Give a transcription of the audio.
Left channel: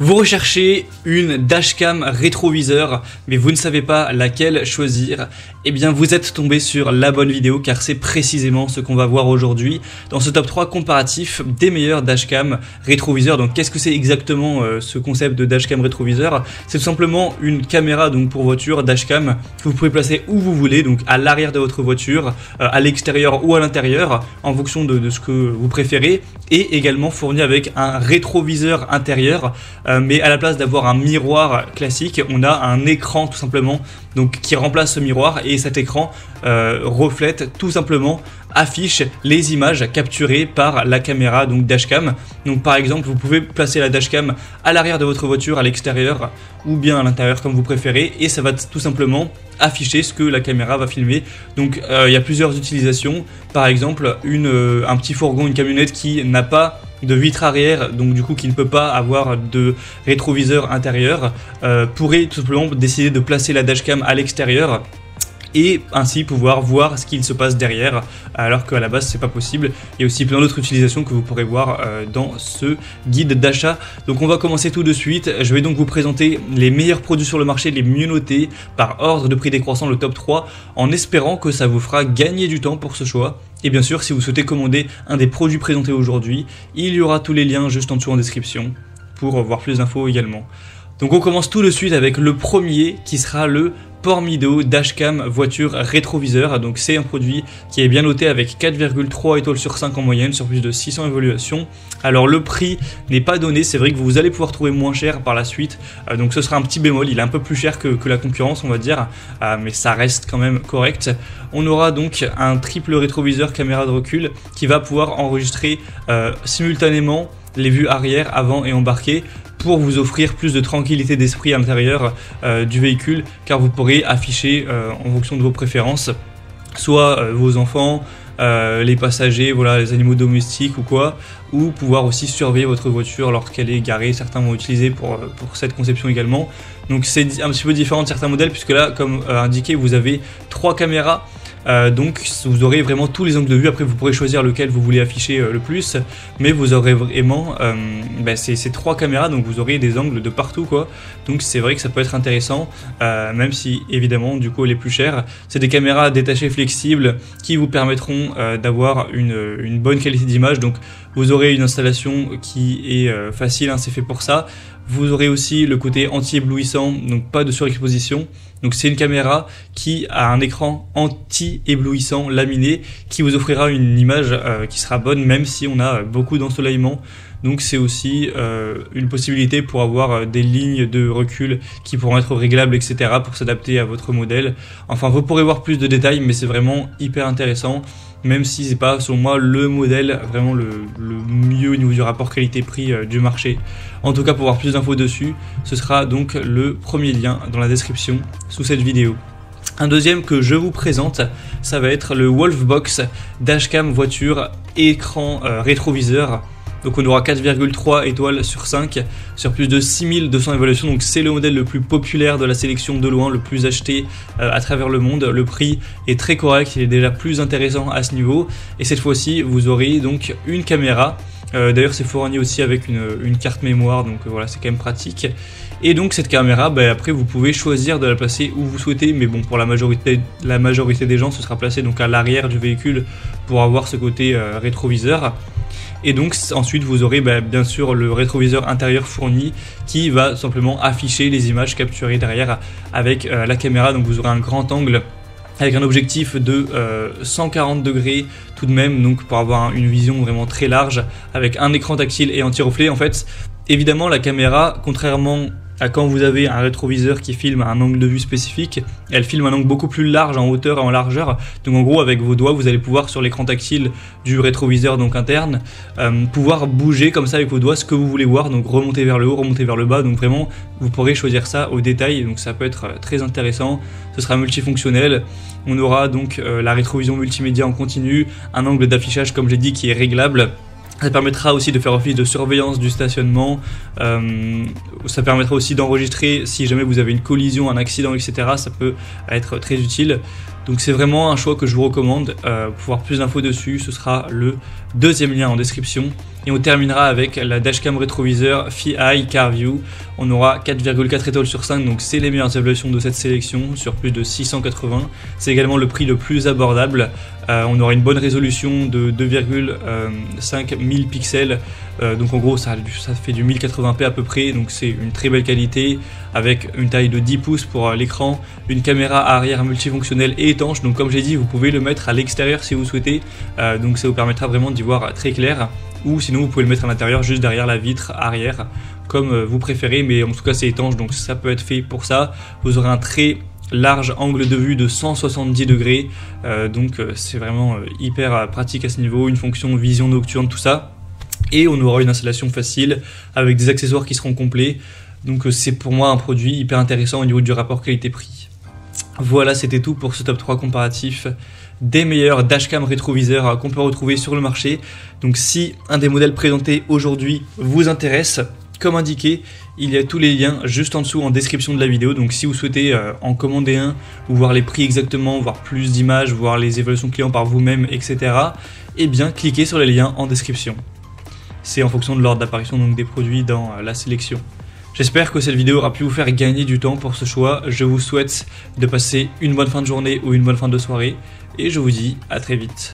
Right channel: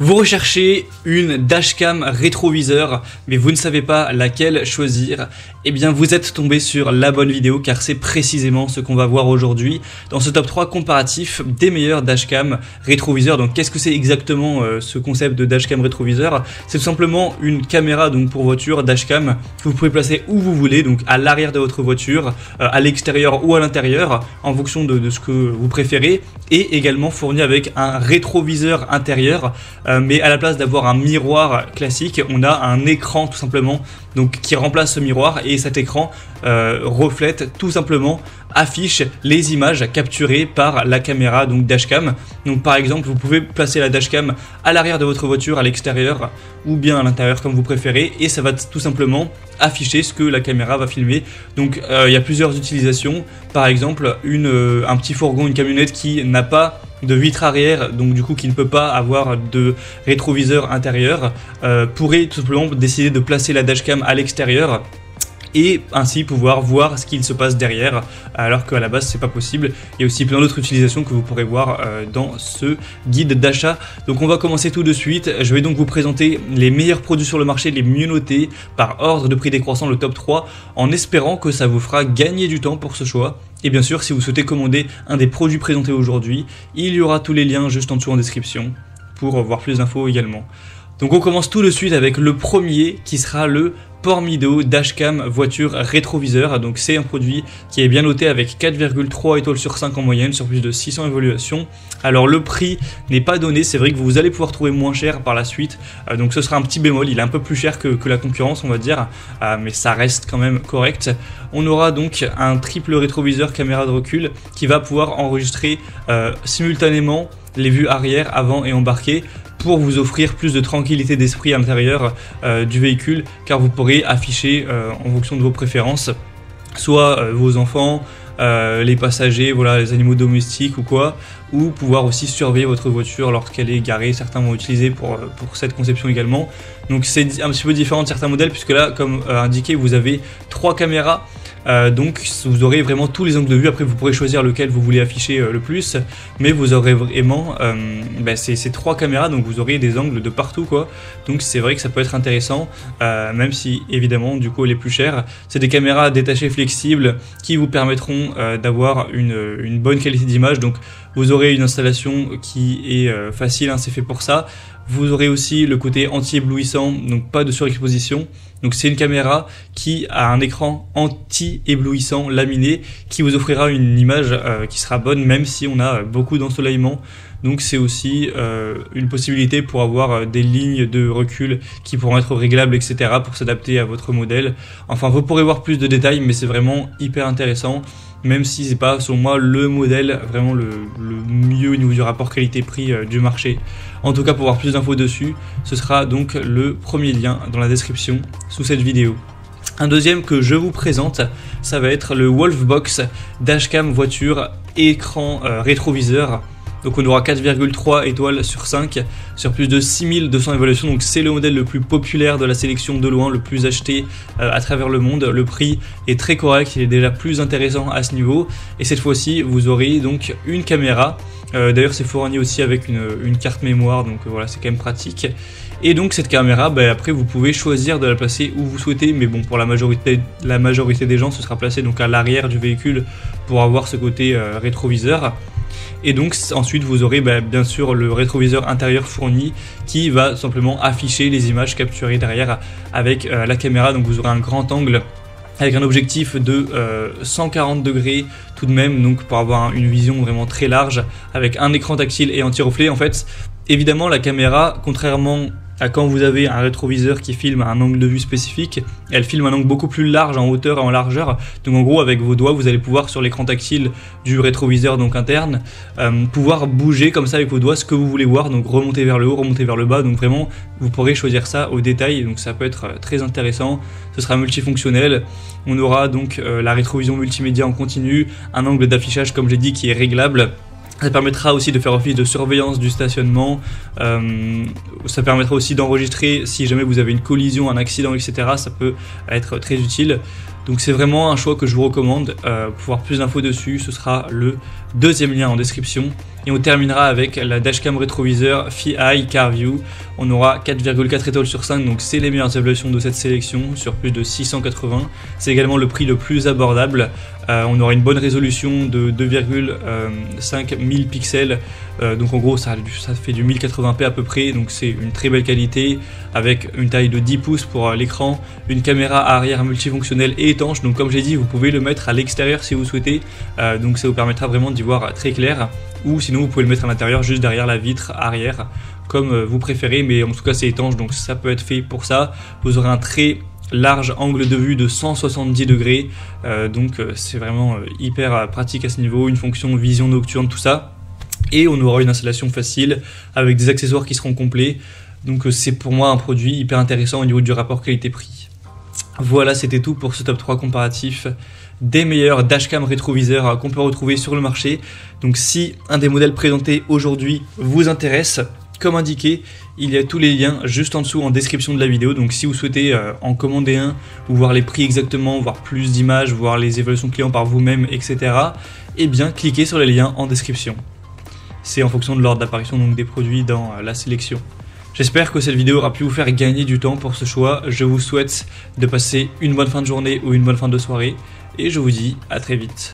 Vous recherchez une dashcam rétroviseur, mais vous ne savez pas laquelle choisir. Eh bien, vous êtes tombé sur la bonne vidéo, car c'est précisément ce qu'on va voir aujourd'hui dans ce top 3 comparatif des meilleurs dashcam rétroviseurs. Donc, qu'est-ce que c'est exactement ce concept de dashcam rétroviseur? C'est tout simplement une caméra donc pour voiture dashcam que vous pouvez placer où vous voulez, donc à l'arrière de votre voiture, à l'extérieur ou à l'intérieur, en fonction de ce que vous préférez, et également fournie avec un rétroviseur intérieur. Mais à la place d'avoir un miroir classique, on a un écran tout simplement donc qui remplace ce miroir, et cet écran reflète tout simplement, affiche les images capturées par la caméra donc dashcam. Donc par exemple, vous pouvez placer la dashcam à l'arrière de votre voiture, à l'extérieur ou bien à l'intérieur comme vous préférez, et ça va tout simplement afficher ce que la caméra va filmer. Donc il y a plusieurs utilisations. Par exemple, un petit fourgon, une camionnette qui n'a pas de vitre arrière, donc du coup qui ne peut pas avoir de rétroviseur intérieur, pourrait tout simplement décider de placer la dashcam à l'extérieur et ainsi pouvoir voir ce qu'il se passe derrière, alors qu'à la base c'est pas possible. Il y a aussi plein d'autres utilisations que vous pourrez voir dans ce guide d'achat. Donc on va commencer tout de suite. Je vais donc vous présenter les meilleurs produits sur le marché, les mieux notés par ordre de prix décroissant, le top 3, en espérant que ça vous fera gagner du temps pour ce choix. Et bien sûr, si vous souhaitez commander un des produits présentés aujourd'hui, il y aura tous les liens juste en dessous en description pour voir plus d'infos également. Donc on commence tout de suite avec le premier qui sera le Pormido Dashcam voiture rétroviseur. Donc c'est un produit qui est bien noté avec 4,3 étoiles sur 5 en moyenne sur plus de 600 évaluations. Alors le prix n'est pas donné, c'est vrai que vous allez pouvoir trouver moins cher par la suite. Et donc ce sera un petit bémol, il est un peu plus cher que la concurrence on va dire, mais ça reste quand même correct. On aura donc un triple rétroviseur caméra de recul qui va pouvoir enregistrer simultanément les vues arrière, avant et embarqué, pour vous offrir plus de tranquillité d'esprit à l'intérieur du véhicule, car vous pourrez afficher en fonction de vos préférences, soit vos enfants, les passagers, voilà, les animaux domestiques ou quoi, ou pouvoir aussi surveiller votre voiture lorsqu'elle est garée. Certains vont utiliser pour cette conception également. Donc c'est un petit peu différent de certains modèles, puisque là, comme indiqué, vous avez 3 caméras, donc vous aurez vraiment tous les angles de vue. Après vous pourrez choisir lequel vous voulez afficher le plus, mais vous avez vraiment ces 3 caméras, donc vous aurez des angles de partout, quoi. Donc c'est vrai que ça peut être intéressant, même si évidemment du coup elle est plus chère. C'est des caméras détachées flexibles qui vous permettront d'avoir une bonne qualité d'image. Donc vous aurez une installation qui est facile, hein, c'est fait pour ça. Vous aurez aussi le côté anti-éblouissant, donc pas de surexposition. Donc c'est une caméra qui a un écran anti-éblouissant laminé qui vous offrira une image qui sera bonne même si on a beaucoup d'ensoleillement. Donc c'est aussi une possibilité pour avoir des lignes de recul qui pourront être réglables, etc. pour s'adapter à votre modèle. Enfin, vous pourrez voir plus de détails, mais c'est vraiment hyper intéressant, même si c'est pas selon moi le modèle vraiment le mieux au niveau du rapport qualité-prix du marché. En tout cas, pour avoir plus d'infos dessus, ce sera donc le premier lien dans la description sous cette vidéo. Un deuxième que je vous présente, ça va être le Wolfbox Dashcam voiture écran rétroviseur. Donc on aura 4,3 étoiles sur 5 sur plus de 6200 évaluations. Donc c'est le modèle le plus populaire de la sélection de loin, le plus acheté à travers le monde. Le prix est très correct, il est déjà plus intéressant à ce niveau. Et cette fois-ci, vous aurez donc une caméra. D'ailleurs, c'est fourni aussi avec une carte mémoire, donc voilà, c'est quand même pratique. Et donc cette caméra, après vous pouvez choisir de la placer où vous souhaitez, mais bon, pour la majorité des gens, ce sera placé donc à l'arrière du véhicule pour avoir ce côté rétroviseur. Et donc ensuite vous aurez bien sûr le rétroviseur intérieur fourni qui va simplement afficher les images capturées derrière avec la caméra. Donc vous aurez un grand angle avec un objectif de 140 degrés tout de même, donc pour avoir une vision vraiment très large avec un écran tactile et anti-reflet. En fait, évidemment la caméra, contrairement à quand vous avez un rétroviseur qui filme à un angle de vue spécifique, elle filme un angle beaucoup plus large en hauteur et en largeur. Donc en gros, avec vos doigts, vous allez pouvoir sur l'écran tactile du rétroviseur donc interne, pouvoir bouger comme ça avec vos doigts ce que vous voulez voir, donc remonter vers le haut, remonter vers le bas. Donc vraiment, vous pourrez choisir ça au détail, donc ça peut être très intéressant. Ce sera multifonctionnel. On aura donc la rétrovision multimédia en continu, un angle d'affichage comme j'ai dit qui est réglable. Ça permettra aussi de faire office de surveillance du stationnement, ça permettra aussi d'enregistrer si jamais vous avez une collision, un accident, etc. Ça peut être très utile. Donc c'est vraiment un choix que je vous recommande. Pour voir plus d'infos dessus, ce sera le deuxième lien en description. Et on terminera avec la dashcam rétroviseur FiEye CarView. On aura 4,4 étoiles sur 5, donc c'est les meilleures évaluations de cette sélection sur plus de 680. C'est également le prix le plus abordable. On aura une bonne résolution de 2,5 1000 pixels. Donc en gros ça fait du 1080p à peu près, donc c'est une très belle qualité avec une taille de 10 pouces pour l'écran, une caméra arrière multifonctionnelle et étanche. Donc comme j'ai dit, vous pouvez le mettre à l'extérieur si vous souhaitez, donc ça vous permettra vraiment d'y voir très clair, ou sinon vous pouvez le mettre à l'intérieur juste derrière la vitre arrière comme vous préférez, mais en tout cas c'est étanche donc ça peut être fait pour ça. Vous aurez un très large angle de vue de 170 degrés, donc c'est vraiment hyper pratique à ce niveau, une fonction vision nocturne, tout ça. Et on aura une installation facile avec des accessoires qui seront complets. Donc c'est pour moi un produit hyper intéressant au niveau du rapport qualité-prix. Voilà, c'était tout pour ce top 3 comparatif des meilleurs dashcam rétroviseurs qu'on peut retrouver sur le marché. Donc si un des modèles présentés aujourd'hui vous intéresse, comme indiqué, il y a tous les liens juste en dessous en description de la vidéo. Donc si vous souhaitez en commander un, ou voir les prix exactement, voir plus d'images, voir les évaluations clients par vous-même, etc. Eh bien cliquez sur les liens en description. C'est en fonction de l'ordre d'apparition donc des produits dans la sélection. J'espère que cette vidéo aura pu vous faire gagner du temps pour ce choix. Je vous souhaite de passer une bonne fin de journée ou une bonne fin de soirée. Et je vous dis à très vite.